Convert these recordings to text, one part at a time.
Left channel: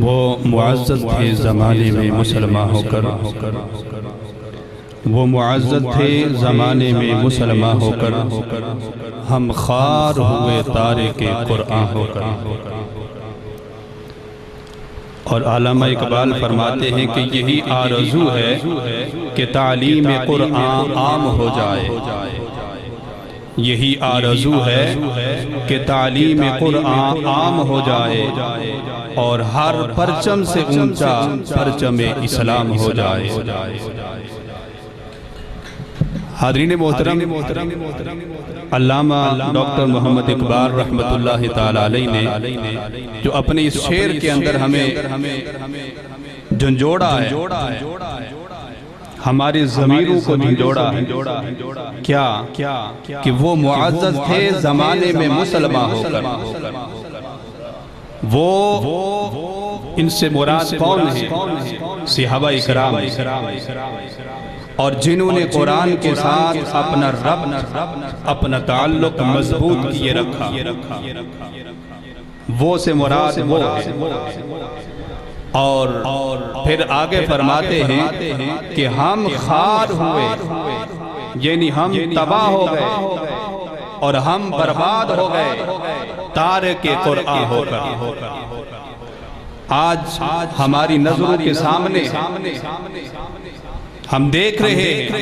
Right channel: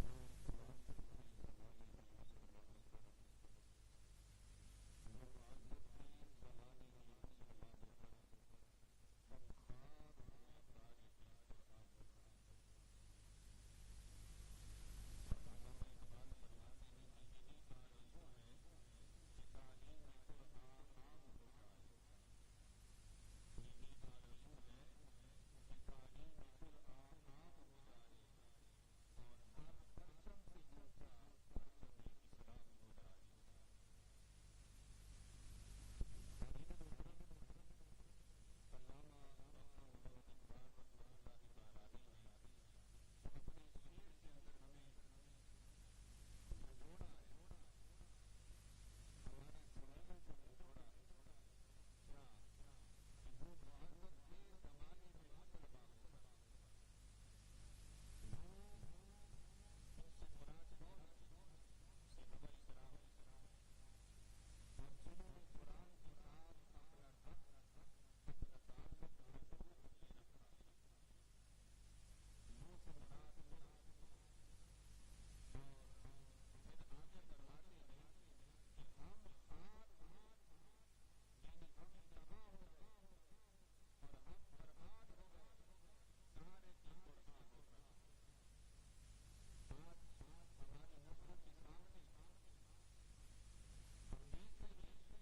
وہ معزز تھے زمانے میں مسلمان ہو کر، وہ معزز تھے زمانے میں مسلمان ہو کر، ہم خوار ہوئے تارک قرآن ہو کر۔ اور علامہ اقبال فرماتے ہیں کہ یہی آرزو ہے کہ تعلیم قرآن عام ہو جائے، یہی آرزو ہے کہ تعلیم قرآن عام ہو جائے اور ہر پرچم سے اونچا پرچم اسلام ہو جائے۔ حاضرین محترم، علامہ ڈاکٹر محمد اقبال رحمۃ اللہ تعالی علیہ نے جو اپنے اس شعر کے اندر ہمیں جھنجھوڑا ہے، ہماری ضمیروں کو جھنجھوڑا ہے، کیا کہ وہ معزز تھے زمانے میں مسلمان ہو کر۔ وہ ان سے مراد کون ہیں؟ صحابہ اکرام، اور جنہوں نے قرآن کے ساتھ اپنا ربط، اپنا تعلق مضبوط کیے رکھا، وہ سے مراد وہ ہے۔ اور پھر آگے فرماتے ہیں کہ ہم خوار ہوئے، یعنی ہم تباہ ہو گئے اور ہم برباد ہو گئے تارک قرآن ہو کر۔ آج ہماری نظروں کے سامنے ہم دیکھ رہے ہیں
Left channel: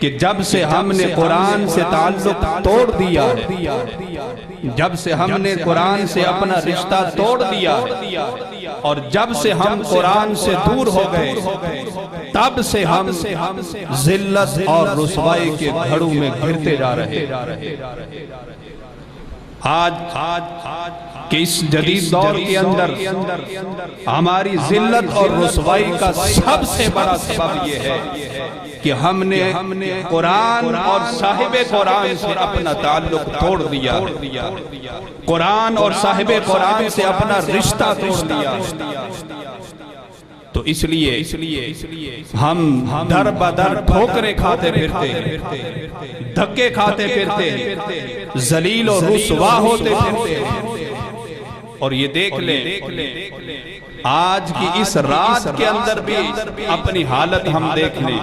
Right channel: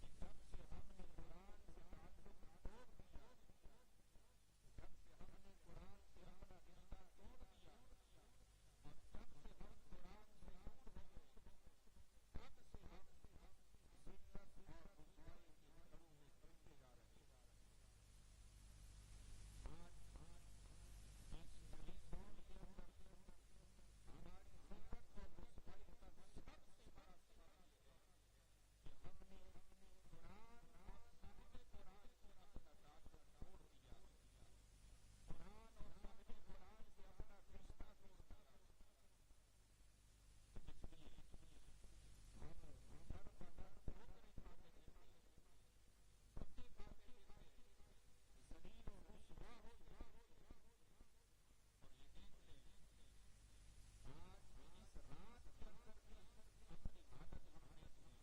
کہ جب سے ہم نے قرآن سے تعلق توڑ دیا ہے، جب سے ہم نے قرآن سے اپنا رشتہ توڑ دیا ہے، اور جب سے ہم قرآن سے دور ہو گئے، تب سے ہم ذلت اور رسوائی کے گھڑوں میں گھرتے جا رہے ہیں۔ آج کہ اس جدید دور کے اندر ہماری ذلت اور رسوائی کا سب سے بڑا سبب یہ ہے کہ ہم نے قرآن اور صاحب قرآن سے اپنا تعلق توڑ دیا، قرآن اور صاحب قرآن سے اپنا رشتہ توڑ دیا۔ تو اس لیے ہم در بدر ٹھوکریں کھاتے پھرتے، دھکے کھاتے پھرتے، ذلیل اور رسوا ہوتے پھرتے۔ اور یہ دیکھ لیں آج کی اس رات کے اندر بھی اپنی حالت ہم دیکھ لیں۔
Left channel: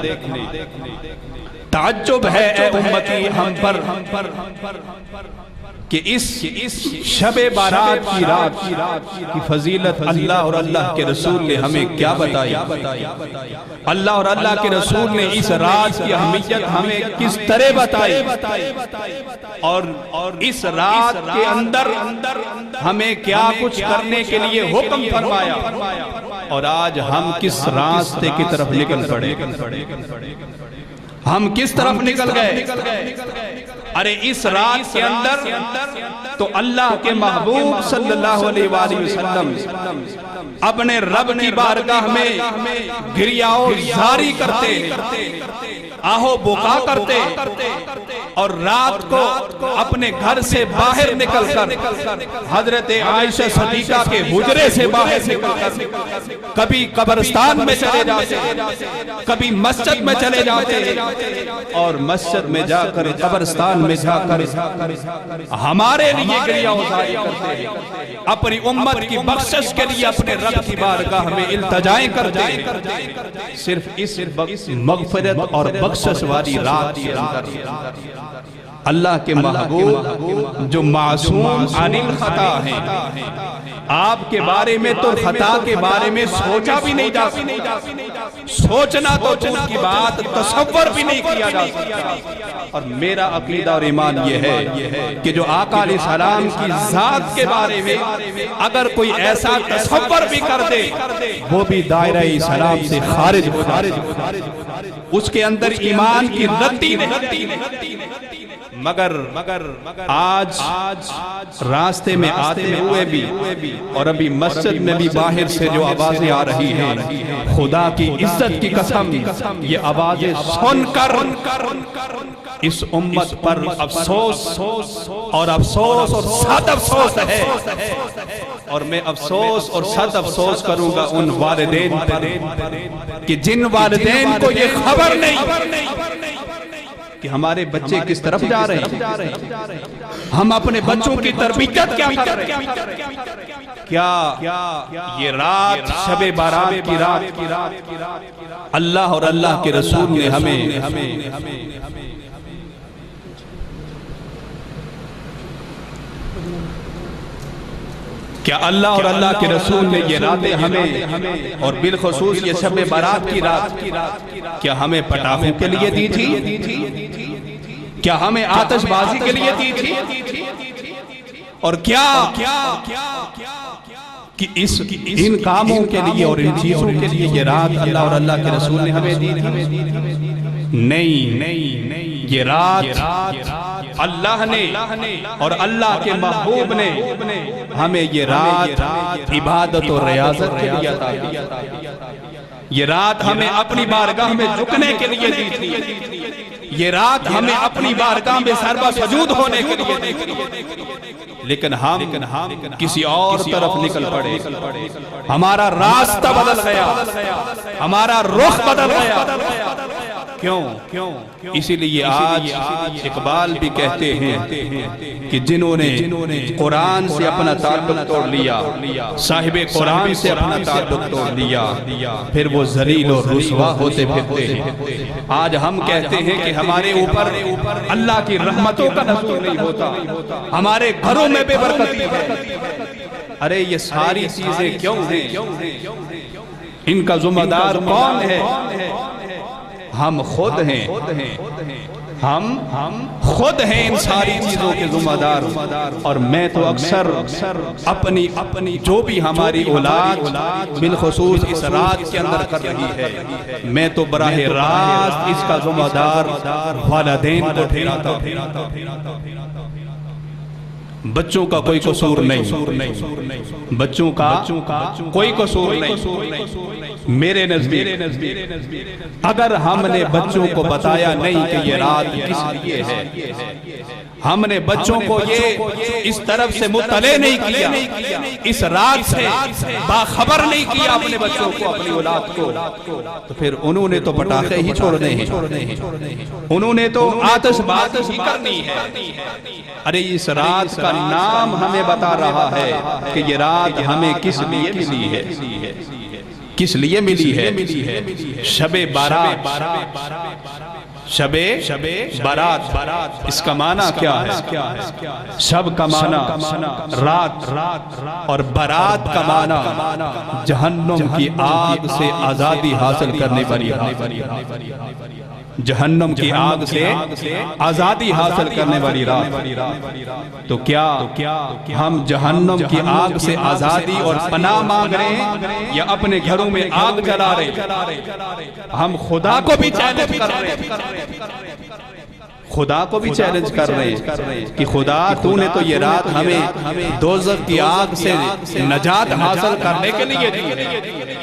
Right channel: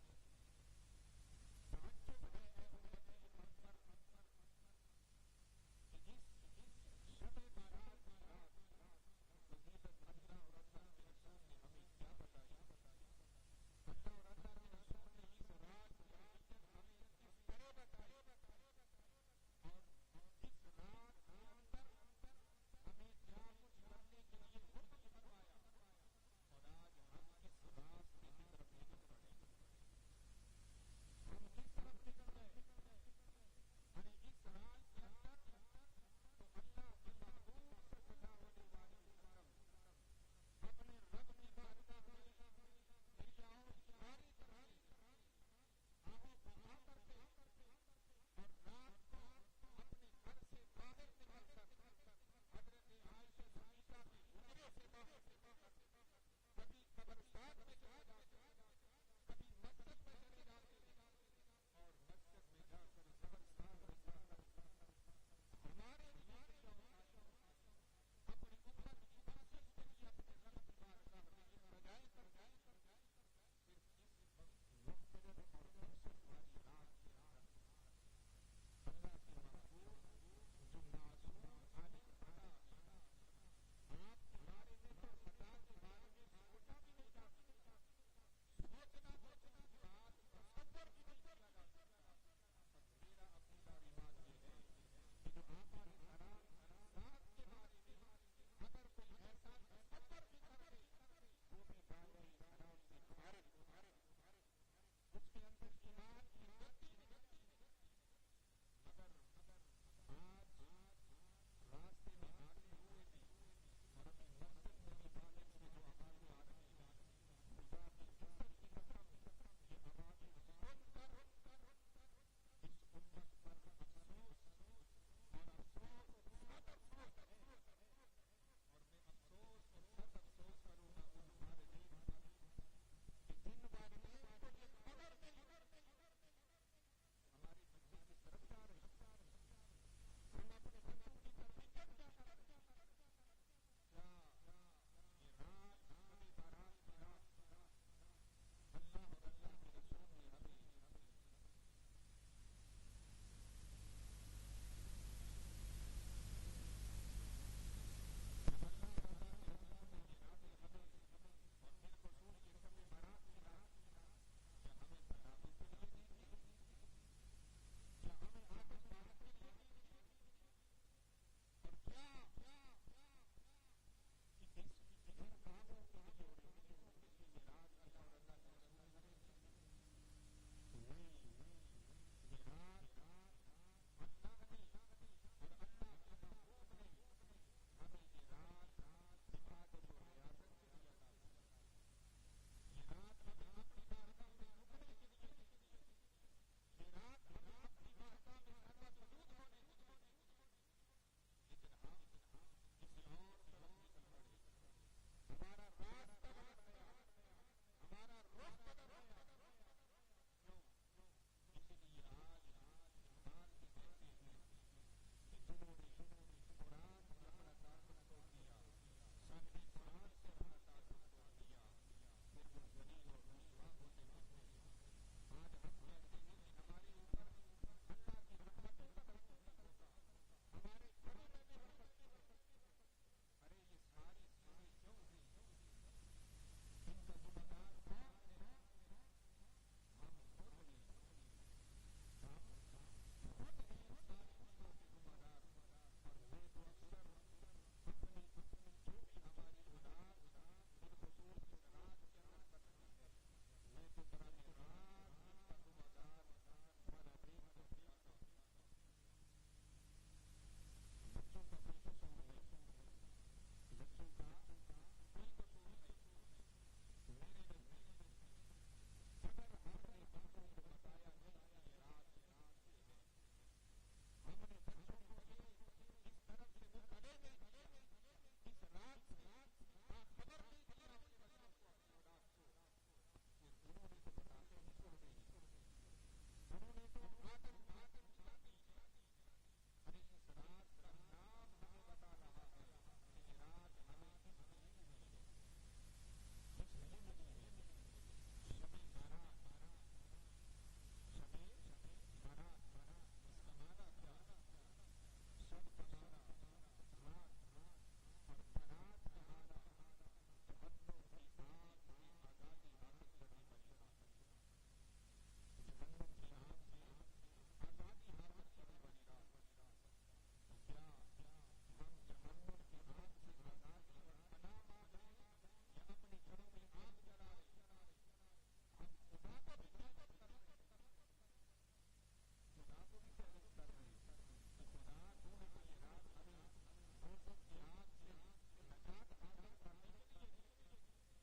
تعجب ہے اے امتی ہم پر کہ اس شب بارات کی رات کی فضیلت اللہ اور اللہ کے رسول نے ہمیں کیا بتائی، اللہ اور اللہ کے رسول نے اس رات کی اہمیت ہمیں کس طرح بتائی، اور اس رات کے اندر ہمیں کیا کچھ کرنے کے لیے حکم فرمایا، اور آج ہم کس راستے کی طرف نکل پڑے، ہم کس طرف نکل گئے۔ ارے اس رات کے اندر تو اللہ کے محبوب صلی اللہ علیہ وآلہ وسلم اپنے رب کی بارگاہ میں گریہ و زاری کرتے، آہو بکا کرتے، اور رات کو اپنے گھر سے باہر نکل کر حضرت عائشہ صدیقہ کے حجرے سے باہر نکل کر کبھی قبرستان میں چلے جاتے، کبھی مسجد میں چلے جاتے، اور مسجد میں جا کر قبرستان میں جا کر ہمارے لیے گریہ و زاری کرتے، اپنی امت کی بخشش کے لیے اپنے رب کی بارگاہ میں التجائیں کرتے، صرف اس مغفرت اور بخشش والی رات کے اندر اللہ کے محبوب جو معصوم عن الخطا ہیں، آپ کے بارے میں تو خطا کے بارے میں سوچا بھی نہیں جا سکتا، سوچنا تو دور کی بات، تصور بھی نہیں کیا جا سکتا۔ اور میرا عقیدہ اور ایمان یہ ہے کہ جو آقا علیہ السلام کی ذات کے بارے میں اگر کوئی ایسا تصور بھی کر دے، وہ بھی دائرہ اسلام سے خارج ہو جائے، اس کے اندر ایمان کی رتی نہیں۔ مگر آج راستے میں آتے ہوئے بھی اور ابھی مسجد میں بھی باہر سے جو آوازیں آ رہی ہیں، خدا کی عزت کی قسم یہ آوازیں سن کر اس امت پر افسوس اور صد افسوس ہے، اور میں افسوس اور صد افسوس کروں گا ان والدین پر کہ جن والدین کو یہ خبر نہیں کہ ہمارے بچے کس طرف جا رہے ہیں، ہم اپنے بچوں کی تربیت کیا کر رہے ہیں، کیا یہ رات شب بارات کی رات اللہ اور اللہ کے رسول نے ہمیں کیا اللہ اور اللہ کے رسول نے یہ راتیں ہمیں اور بالخصوص یہ شب بارات کی رات کیا ہمیں پٹاخوں کے لیے دی تھی، کیا ہمیں آتش بازی کے لیے دی تھی، اور کیا کہ ان کاموں کے لیے اور ان چیزوں کے لیے یہ رات اللہ اور اللہ کے رسول نے ہمیں دی تھی؟ نہیں، یہ رات اللہ نے اور اللہ کے محبوب نے ہمیں یہ رات عبادت و ریاضت کے لیے عطا کی، یہ رات ہمیں اپنی بارگاہ میں جھکنے کے لیے دی تھی، یہ رات ہمیں اپنی بارگاہ میں سربا سجود ہونے کے لیے دی تھی، لیکن ہم کسی اور طرف نکل پڑے، ہمارا راستہ بدل گیا، ہمارا رخ بدل گیا۔ کیوں؟ اسی لیے آج اقبال بھی کہتے ہیں کہ جنہوں نے قرآن سے اپنا تعلق توڑ لیا، صاحب قرآن سے اپنا تعلق توڑ لیا، پھر وہ ذلیل اور رسوا ہوتے پھرتے ہیں۔ آج ہم کہتے ہیں کہ ہمارے اوپر اللہ کی رحمتوں کا نزول نہیں ہوتا، ہمارے گھروں میں بے برکتی ہے۔ ارے یہ ساری چیزیں کیوں ہیں؟ ان کا ذمہ دار کون ہے؟ ہم خود ہیں، ہم خود ہیں ان ساری چیزوں کے ذمہ دار۔ اور میں تو اکثر اپنی جو بھی ہماری اولاد بالخصوص اس رات کے اندر کر رہی ہے، میں تو براہ راست اس کا ذمہ دار والدین کو ٹھہراتا ہوں۔ بچوں کا کوئی قصور نہیں، بچوں کا کوئی قصور نہیں۔ میرے نزدیک اگر ہم نے بچوں کو بتایا نہیں کہ یہ رات کس لیے ہے، ہم نے بچوں کو یہ اس طرف سے مطلع نہیں کیا، اس رات سے باخبر نہیں کیا اپنے بچوں کو، اپنی اولاد کو، تو پھر انہوں نے تو پٹاخے ہی چھوڑنے ہیں، انہوں نے تو آتش بازی ہی کرنی ہے۔ ارے اس رات کا نام ہمیں بتا رہا ہے کہ یہ رات ہمیں کس لیے ملی ہے، کس لیے ملی ہے؟ شب بارات، شب بارات، اس کا معنی کیا ہے؟ شب کا معنی رات، اور بارات کا معنی جہنم کی آگ سے آزادی حاصل کرنے والی رات، جہنم کی آگ سے آزادی حاصل کرنے والی رات۔ تو کیا ہم جہنم کی آگ سے آزادی اور پناہ مانگ رہے ہیں یا اپنے گھروں میں آگ جلا رہے ہیں؟ ہم خدا کو بھی چیلنج کر رہے ہیں، خدا کو بھی چیلنج کر رہے ہیں کہ خدا تو نے تو یہ رات ہمیں دوزخ کی آگ سے نجات حاصل کرنے کے لیے دی ہے،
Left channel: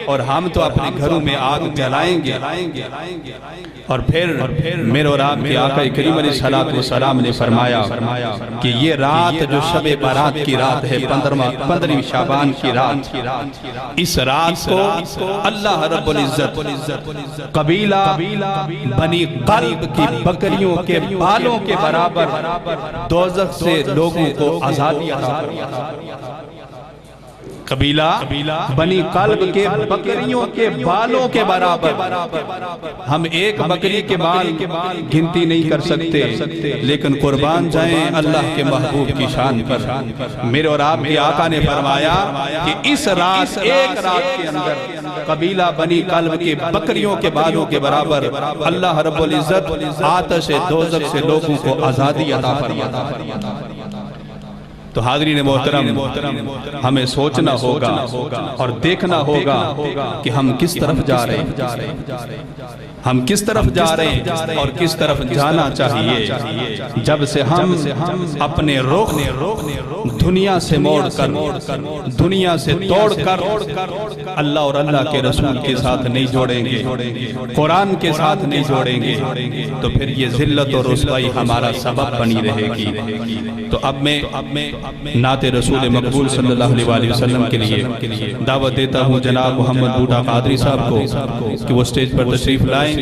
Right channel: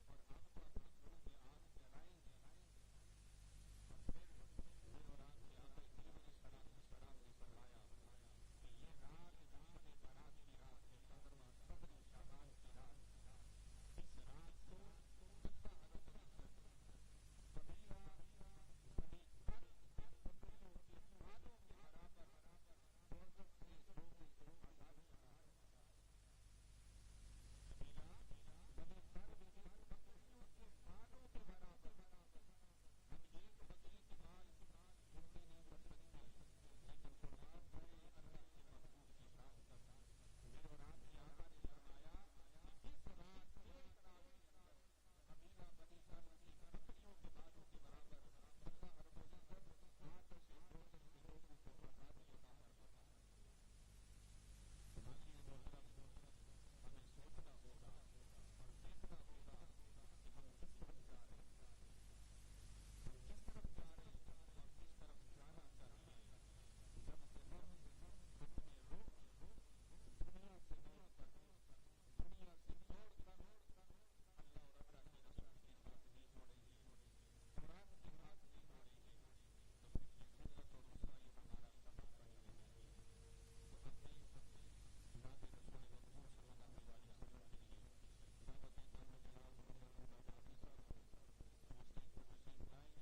اور ہم تو اپنے گھروں میں آگ جلائیں گے۔ اور پھر میرے اور آپ کے آقا کریم علیہ السلام نے فرمایا کہ یہ رات جو شب بارات کی رات ہے، 15 شعبان کی رات، اس رات کو اللہ رب العزت قبیلہ بنی قلب کی بکریوں کے بالوں کے برابر دوزخ سے لوگوں کو آزادی عطا فرمایا۔ قبیلہ بنی قلب کے بکریوں کے بالوں کے برابر، ہم ایک بکری کے بال گنتی نہیں کر سکتے، لیکن قربان جائیں اللہ کے محبوب کی شان پر۔ میرے اور آپ کے آقا نے فرمایا کہ اس رات، ایک رات کے اندر قبیلہ بنی قلب کے بکریوں کے بالوں کے برابر اللہ رب العزت آتش دوزخ سے لوگوں کو آزادی عطا فرماتا۔ تو حاضرین محترم، ہمیں سوچنا ہوگا اور دیکھنا ہوگا کہ ہم کس طرف جا رہے ہیں، ہم کس طرف جا رہے ہیں اور کس طرف جانا چاہیے۔ جب سے ہم اپنے رخ دنیا سے موڑ کر، دنیا سے توڑ کر اللہ اور اللہ کے رسول کے ساتھ نہیں جوڑیں گے، قرآن کے ساتھ نہیں جوڑیں گے، تو پھر یہ ذلت اور رسوائی ہمارا سبب بنی رہے گی۔ تو اب میں نعت رسول مقبول صلی اللہ علیہ وسلم کے لیے دعوت دیتا ہوں جناب محمد بوٹا قادری صاحب کو کہ وہ سٹیج پر تشریف لائیں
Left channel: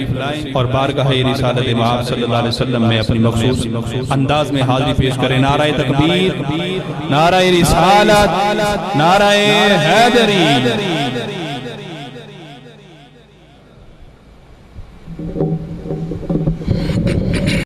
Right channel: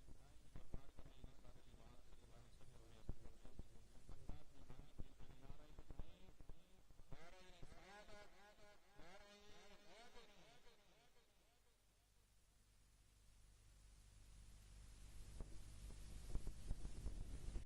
اور بارگاہ رسالت مآب صلی اللہ علیہ وسلم میں اپنی مخصوص انداز میں حاضری پیش کریں۔ نعرہ تکبیر، نعرہ رسالت، نعرہ حیدری۔